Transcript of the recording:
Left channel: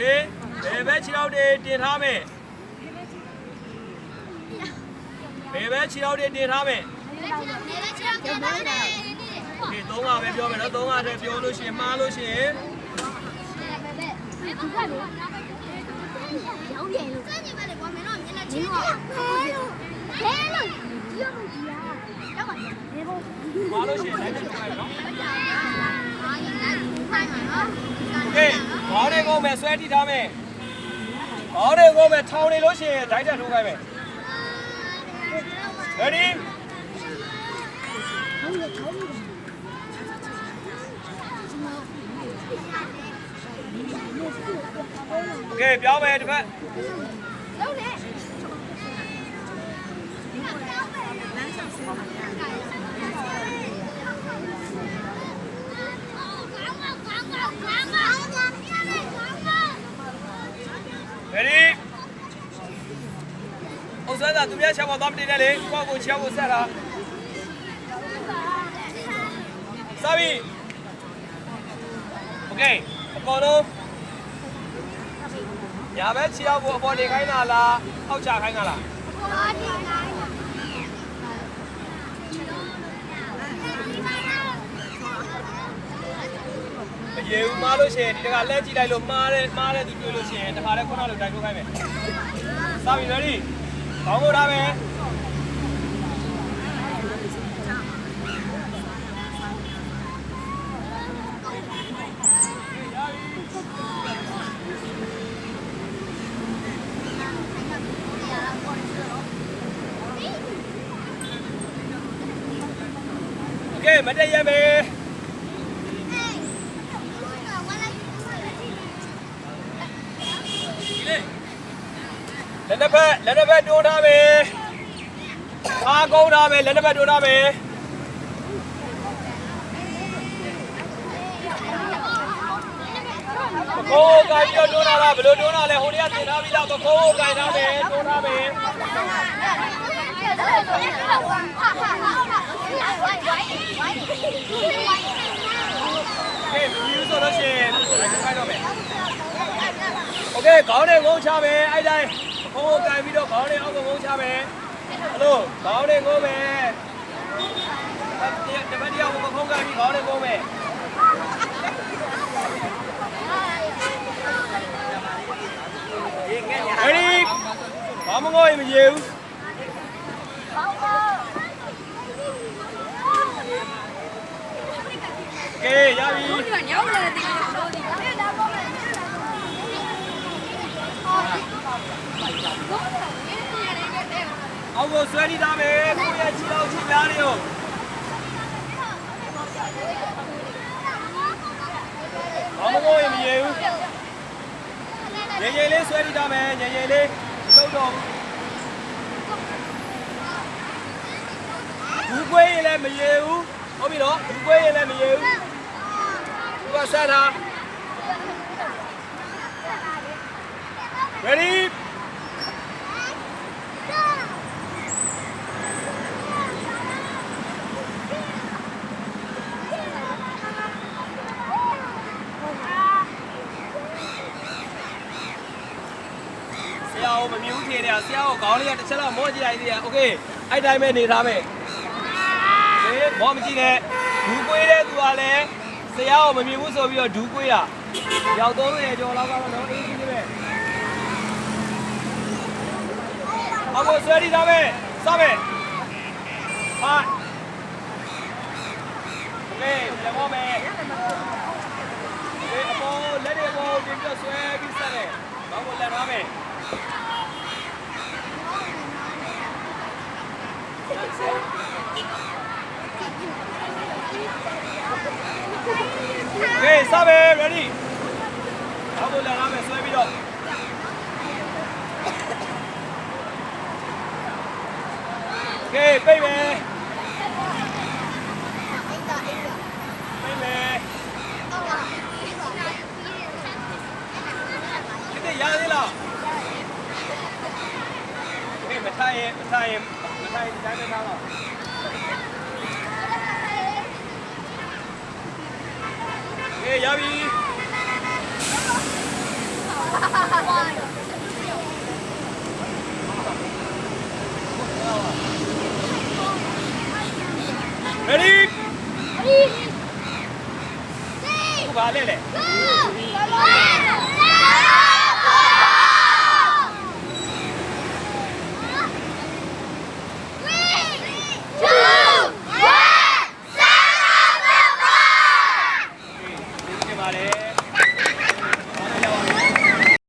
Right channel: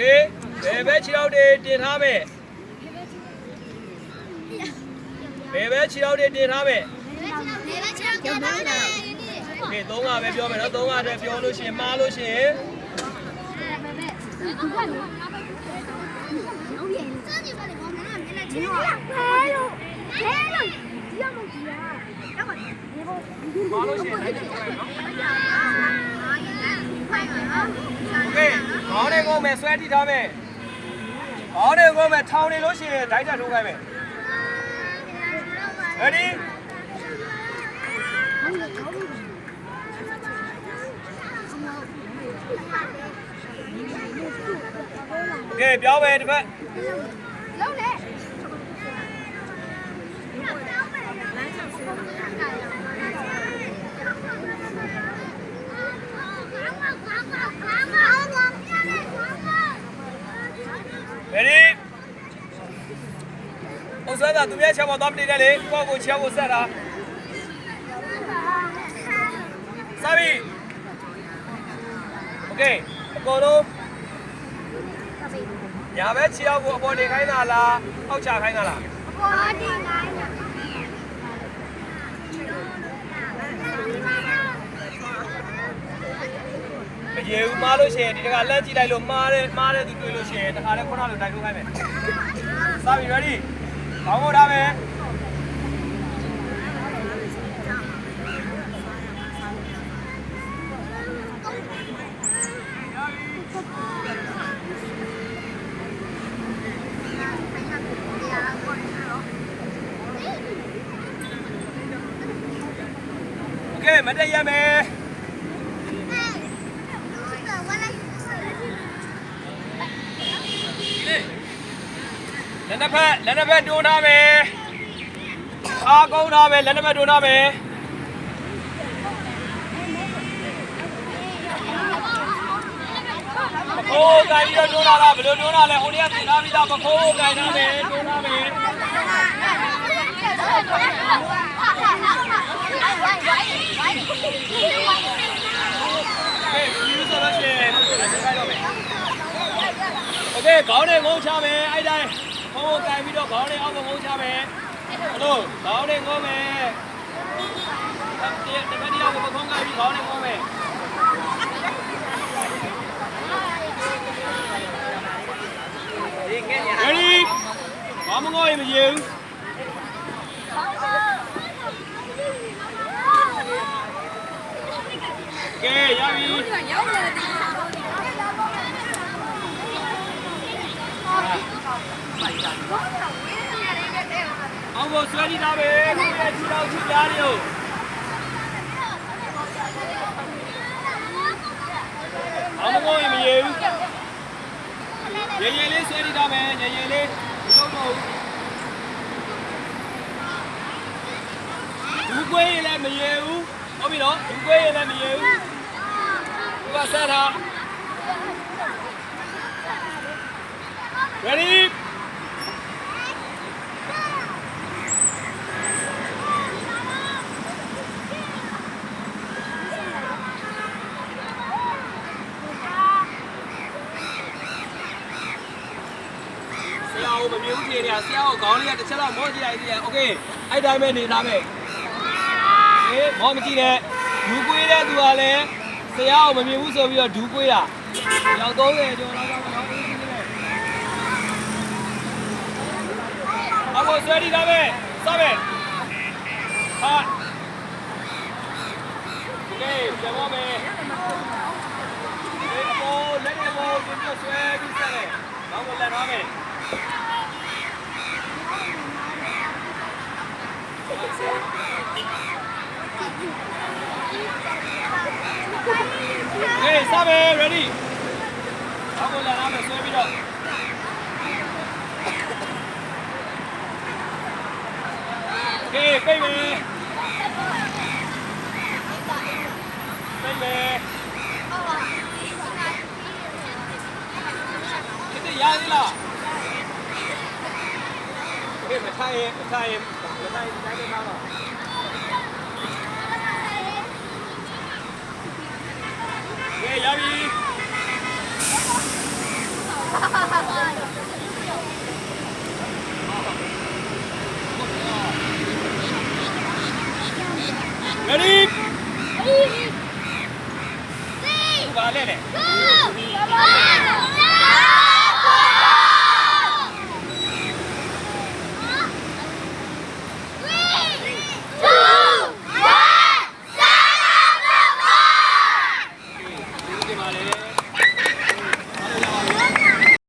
เคဘယ်ပဲခြေထောက်တွေတင်ထားမယ်ဘယ်ပဲခြေထောက်တွေတင်ထားမယ်โอเค3ကပဲပြောမယ်နော်3ကတည်းပြောလို့ရှိရင်မှားလို့ရှိရင်ဘာလို့ရှိရင်လိုက်တယ်ပြောနော်โอเคခေါင်းတွေကိုမယ်ဆွဲထိထားမယ်ခေါင်းတွေကိုမယ်ထောင်နေလို့ရှိရင်ဒိုက်တက်ထိုးခိုင်းမယ် ready โอเคပြောမယ်ဒီဘက်လုံးနဲ့ready ဥစ္စာကသူများချက်ပေါ်သွားမတည်နဲ့လေကိုယ့်ကိုချက်ကိုဆက်တာစပြီโอเคအကုန်လုံးညာဘက်ခြေအောင်ကိုအပေါ်နေခိုင်းတာလားအောက်ချခိုင်းတာလားအပေါ်နေခိုင်းတာမရေဘူးမားလို့ရှိရင်ဒီတခါလက်ကြည့်လိုက်လို့မားတဲ့သူတွေ့လို့ရှိရင်တခါတည်းခုနလိုတိုက်ထုတ်ခိုင်းမယ်စပြီ ready ခေါင်းကိုထားမယ်မတည့်ရမယ်လက်နှစ်ဖက်တွန်းထားမယ်အားကုန်းထားမယ်လက်နှစ်ဖက်တွန်းထားမယ်ပခိုးကိုင်ပြီးတော့တွန်းထားတာဘယ်လိုတွန်းထားလဲဟိုတည်းကတင်ထားပြီးသားပခိုးကိုကိုင်ထားမယ်တွန်းထားမယ်โอเคခေါင်းနဲ့ငုံချမယ်အဲ့တိုင်းခေါင်းကိုကန်ပြီးတော့ခေါင်းနဲ့အောက်ကိုငုံချမယ်ဟုတ်ခေါင်းနဲ့ငုံမယ်ဒီမဒီအောင်ကိုကန်ပြီးခေါင်းနဲ့ငုံမယ်အဲ့ဒီခေါင်းမငုံရင်မရေဘူးကဲရပြီအောက်ကိုဆွဲနေသားပဲကိုရဲ့ခြေထောက်ခြေသားတွေကိုအောက်ကိုရင်မရေဘူးညင်ညင်လေးဆွဲနေသားမယ်ညင်ညင်လေးမလုပ်တော့ဘူးကွေးရင်လည်းမရေဘူးဟုတ်ပြီနော်ဘူးကွေးရင်လည်းမရေဘူးဒီကဆက်ထား ready ဆရာကိုမမြင်ဘူးထင်တယ်ဆရာကိုခေါင်းလေးကတစ်ချက်တော့မောကြည့်လိုက်သေးတယ် okay အဲ့တိုင်းပဲနေထားမယ်ဟေးမောမကြည့်နဲ့ဒူးကွေးတဲ့သူကလည်းဆရာကိုမမြင်ဘူးဆိုပြီးတော့ဒူးကွေးတာရောက်30ကျော်လောက်ကတော့အေးကြည့်နေမယ်အခုဆွဲđiဒါပဲစမယ်ဟာโอเคပြန်ပါမယ်ဒီအပေါ်လက်ရပေါ်ပြန်ပြီးဆွဲပြီးဆက်တယ်ဘာလို့လက်ထားမယ်โอเคစမယ် ready ဘာလို့လက်ထားမယ်ဆွဲပြီးတော့โอเคပြေးမယ်ပြေးမယ်ဒီရသေးလားโอเคမထိုင်ရင်တိုင်းနေမှာပါโอเคရပြီ Ready ဘာလဲလဲ